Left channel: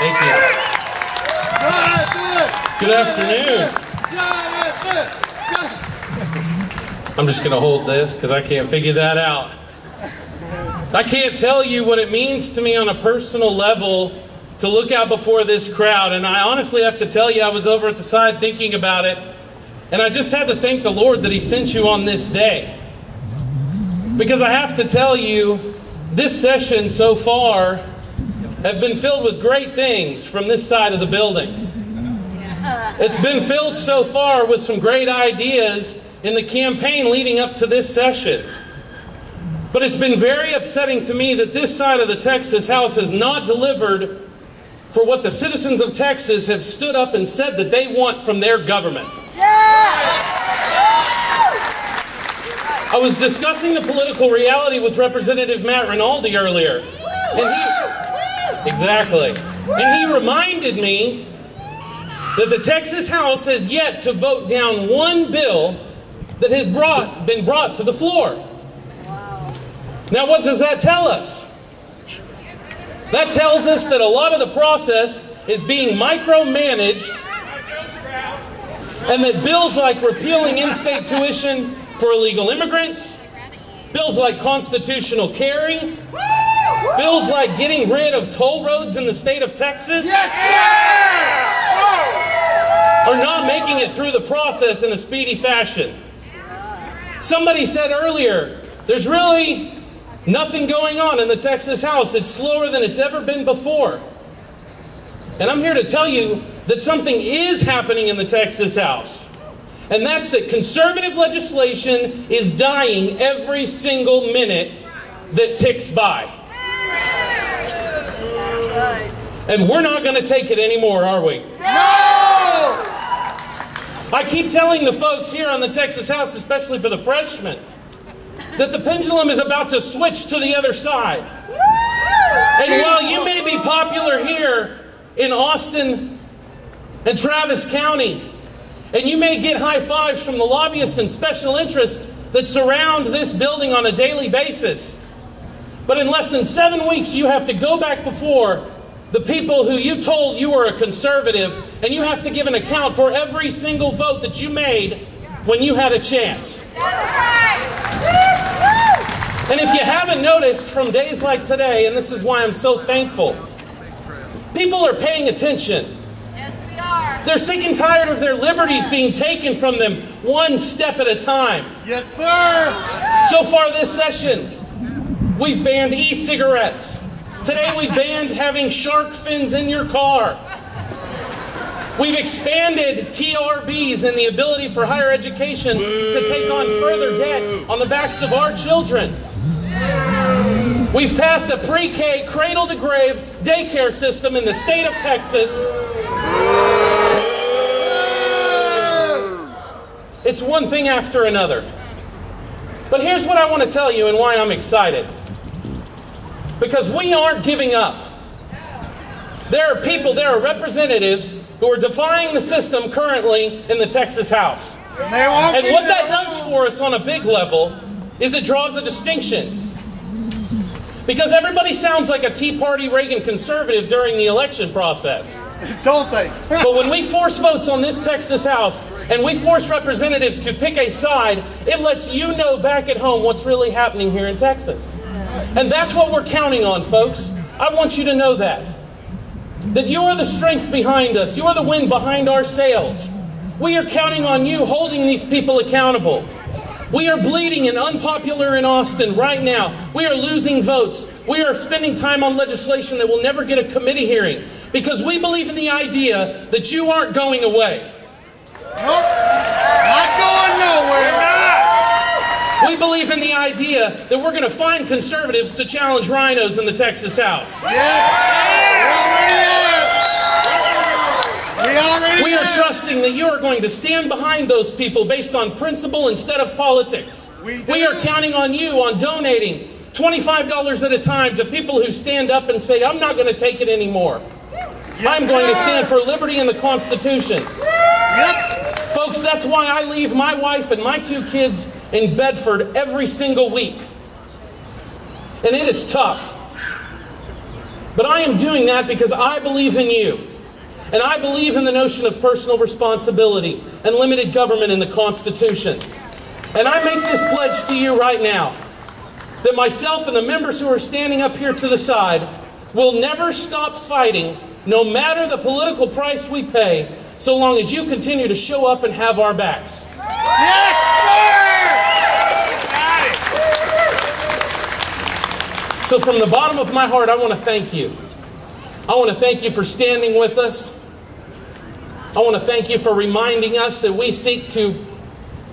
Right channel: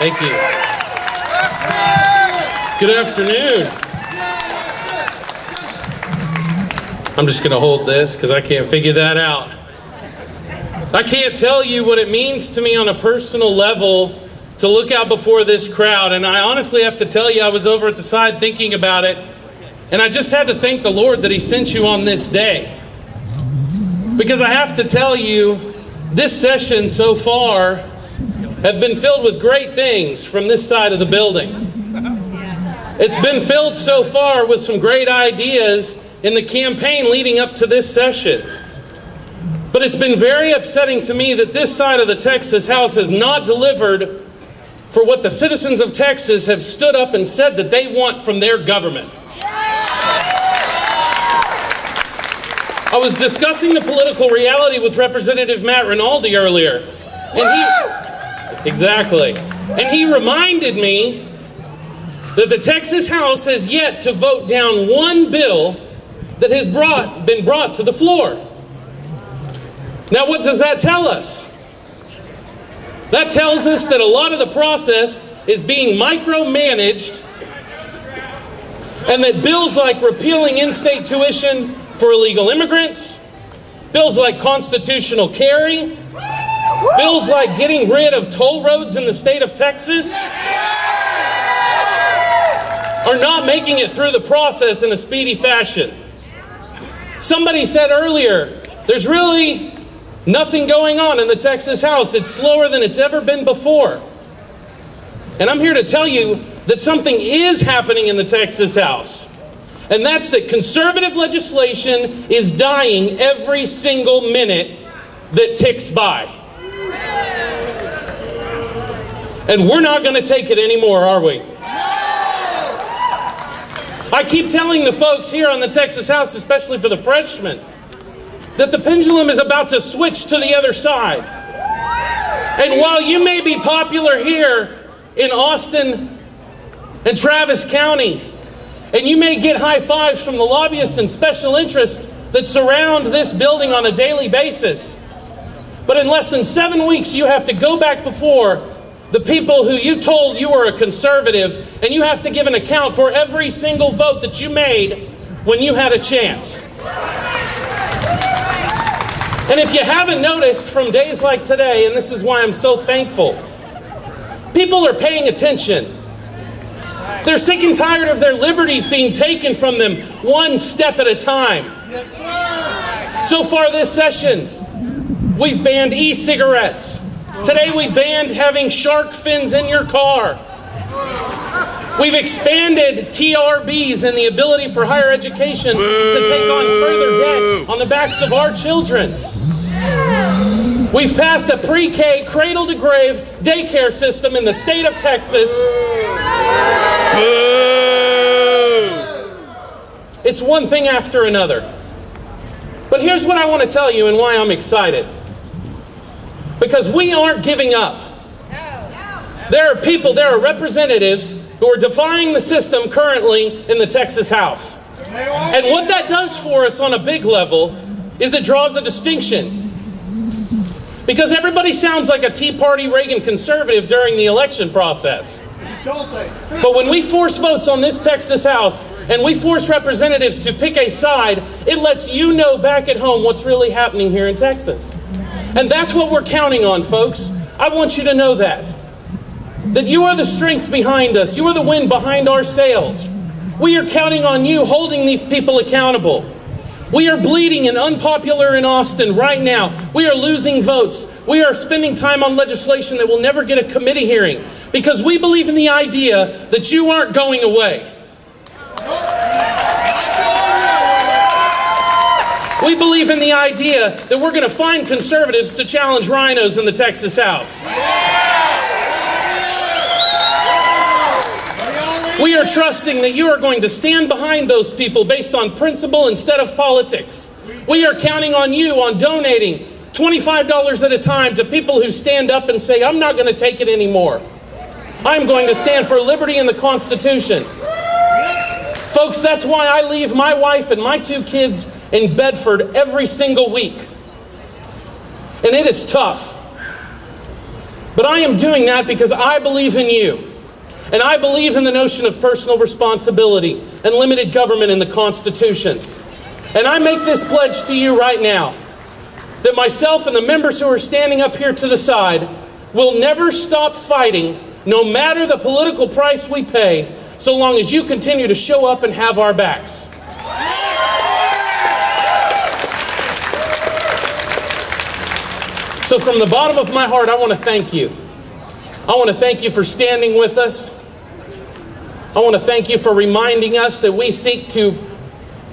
Thank you. Good afternoon. I'm just going to hold this because I can't figure that out. I can't tell you what it means to me on a personal level to look out before this crowd. And I honestly have to tell you, I was over at the side thinking about it. And I just had to thank the Lord that He sent you on this day. Because I have to tell you, this session so far have been filled with great things from this side of the building. It's been filled so far with some great ideas in the campaign leading up to this session. But it's been very upsetting to me that this side of the Texas House has not delivered for what the citizens of Texas have stood up and said that they want from their government. I was discussing the political reality with Representative Matt Rinaldi earlier, and he reminded me that the Texas House has yet to vote down one bill that has been brought to the floor. Now, what does that tell us? That tells us that a lot of the process is being micromanaged, and that bills like repealing in-state tuition for illegal immigrants, bills like constitutional carry, bills like getting rid of toll roads in the state of Texas are not making it through the process in a speedy fashion. Somebody said earlier, there's really nothing going on in the Texas House. It's slower than it's ever been before. And I'm here to tell you that something is happening in the Texas House. And that's that conservative legislation is dying every single minute that ticks by. And we're not going to take it anymore, are we? I keep telling the folks here on the Texas House, especially for the freshmen, that the pendulum is about to switch to the other side. And while you may be popular here in Austin and Travis County, and you may get high fives from the lobbyists and special interests that surround this building on a daily basis, but in less than 7 weeks you have to go back before the people who you told you were a conservative, and you have to give an account for every single vote that you made when you had a chance. And if you haven't noticed from days like today, and this is why I'm so thankful, people are paying attention. They're sick and tired of their liberties being taken from them one step at a time. Yes, sir. So far this session, we've banned e-cigarettes. Today we banned having shark fins in your car. We've expanded TRBs and the ability for higher education to take on further debt on the backs of our children. We've passed a pre-K, cradle-to-grave daycare system in the state of Texas. It's one thing after another. But here's what I want to tell you and why I'm excited. Because we aren't giving up. There are people, there are representatives who are defying the system currently in the Texas House. And what that does for us on a big level is it draws a distinction. Because everybody sounds like a Tea Party Reagan conservative during the election process. Don't they? But when we force votes on this Texas House and we force representatives to pick a side, it lets you know back at home what's really happening here in Texas. And that's what we're counting on, folks. I want you to know that. That you are the strength behind us. You are the wind behind our sails. We are counting on you holding these people accountable. We are bleeding and unpopular in Austin right now. We are losing votes. We are spending time on legislation that will never get a committee hearing because we believe in the idea that you aren't going away. Nope. Not going nowhere. We believe in the idea that we're going to find conservatives to challenge rhinos in the Texas House. We are trusting that you are going to stand behind those people based on principle instead of politics. We are counting on you on donating $25 at a time to people who stand up and say, I'm not going to take it anymore. I'm going to stand for liberty and the Constitution. Folks, that's why I leave my wife and my 2 kids in Bedford every single week. And it is tough. But I am doing that because I believe in you. And I believe in the notion of personal responsibility and limited government in the Constitution. And I make this pledge to you right now, that myself and the members who are standing up here to the side will never stop fighting, no matter the political price we pay, so long as you continue to show up and have our backs. So from the bottom of my heart, I want to thank you. I want to thank you for standing with us. I want to thank you for reminding us that we seek to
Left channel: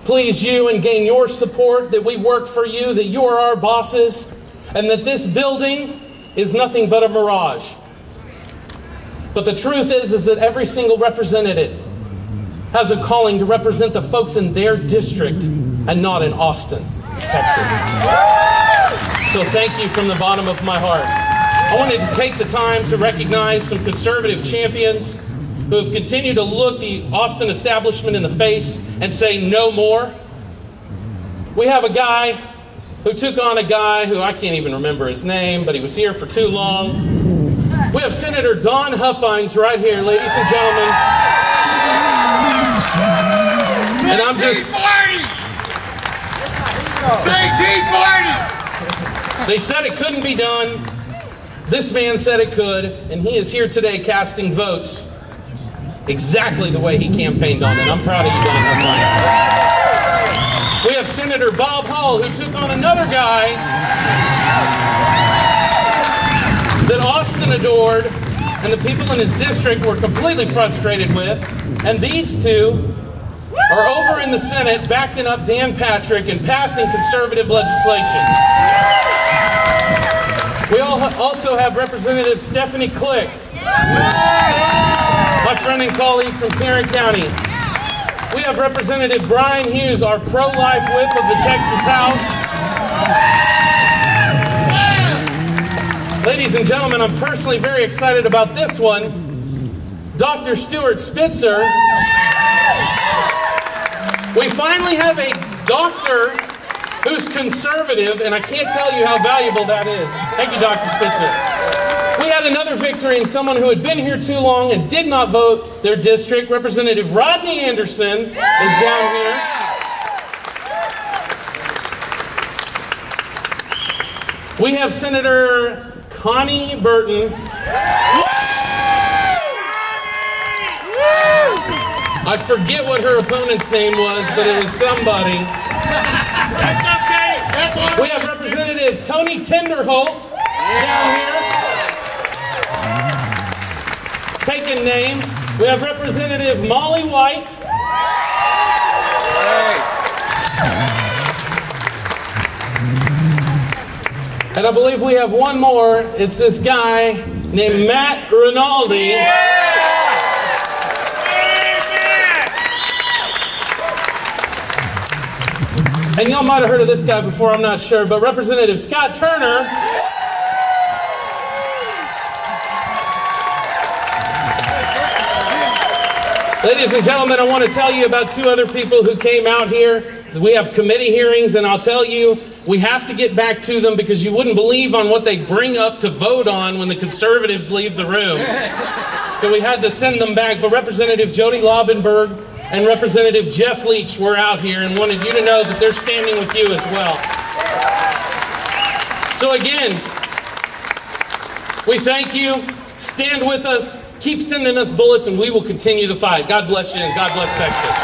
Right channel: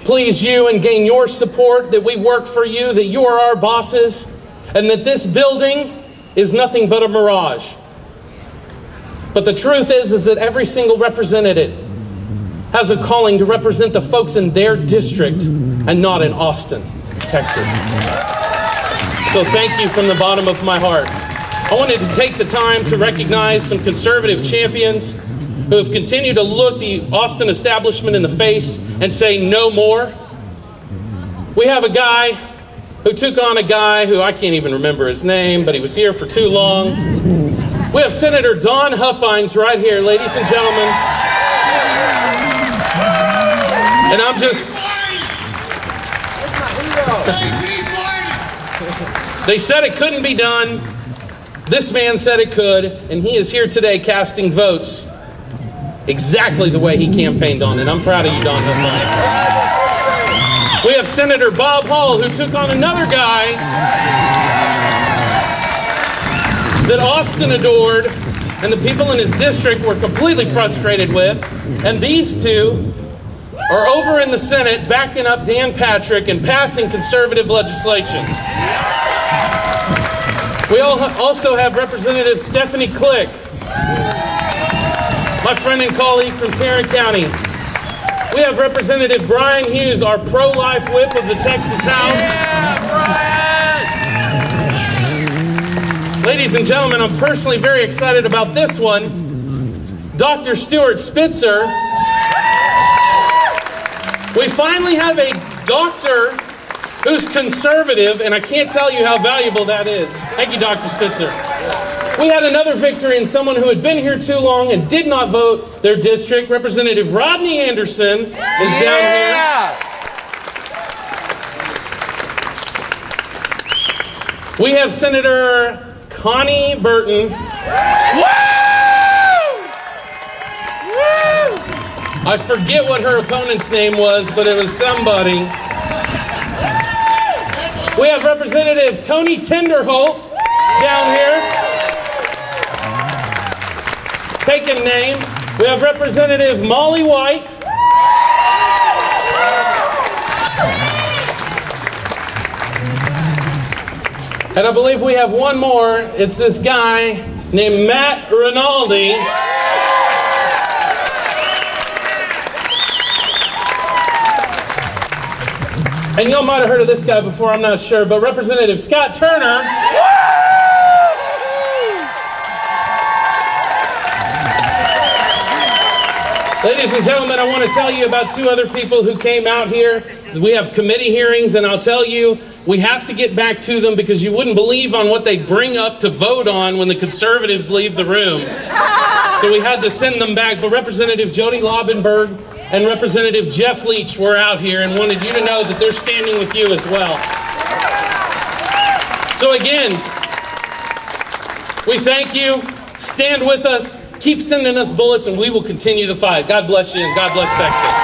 please you and gain your support, that we work for you, that you are our bosses, and that this building is nothing but a mirage. But the truth is that every single representative has a calling to represent the folks in their district and not in Austin, Texas. So thank you from the bottom of my heart. I wanted to take the time to recognize some conservative champions who have continued to look the Austin establishment in the face and say no more. We have a guy who took on a guy who I can't even remember his name, but he was here for too long. We have Senator Don Huffines right here, ladies and gentlemen. And I'm just... They said it couldn't be done. This man said it could, and he is here today casting votes exactly the way he campaigned on it. I'm proud of you, Don Huffines. We have Senator Bob Hall, who took on another guy that Austin adored and the people in his district were completely frustrated with. And these two are over in the Senate backing up Dan Patrick and passing conservative legislation. We also have Representative Stephanie Click, my friend and colleague from Tarrant County. We have Representative Brian Hughes, our pro-life whip of the Texas House. Ladies and gentlemen, I'm personally very excited about this one. Dr. Stuart Spitzer. We finally have a doctor who's conservative, and I can't tell you how valuable that is. Thank you, Dr. Spitzer. We had another victory in someone who had been here too long and did not vote their district. Representative Rodney Anderson is down here. We have Senator Connie Burton. I forget what her opponent's name was, but it was somebody. We have Representative Tony Tinderholt down here. Taking names. We have Representative Molly White. And I believe we have one more. It's this guy named Matt Rinaldi. And y'all might have heard of this guy before, I'm not sure, but Representative Scott Turner. Ladies and gentlemen, I want to tell you about two other people who came out here. We have committee hearings, and I'll tell you, we have to get back to them because you wouldn't believe on what they bring up to vote on when the conservatives leave the room. So we had to send them back. But Representative Jody Laubenberg and Representative Jeff Leach were out here and wanted you to know that they're standing with you as well. So again, we thank you. Stand with us. Keep sending us bullets, and we will continue the fight. God bless you, and God bless Texas.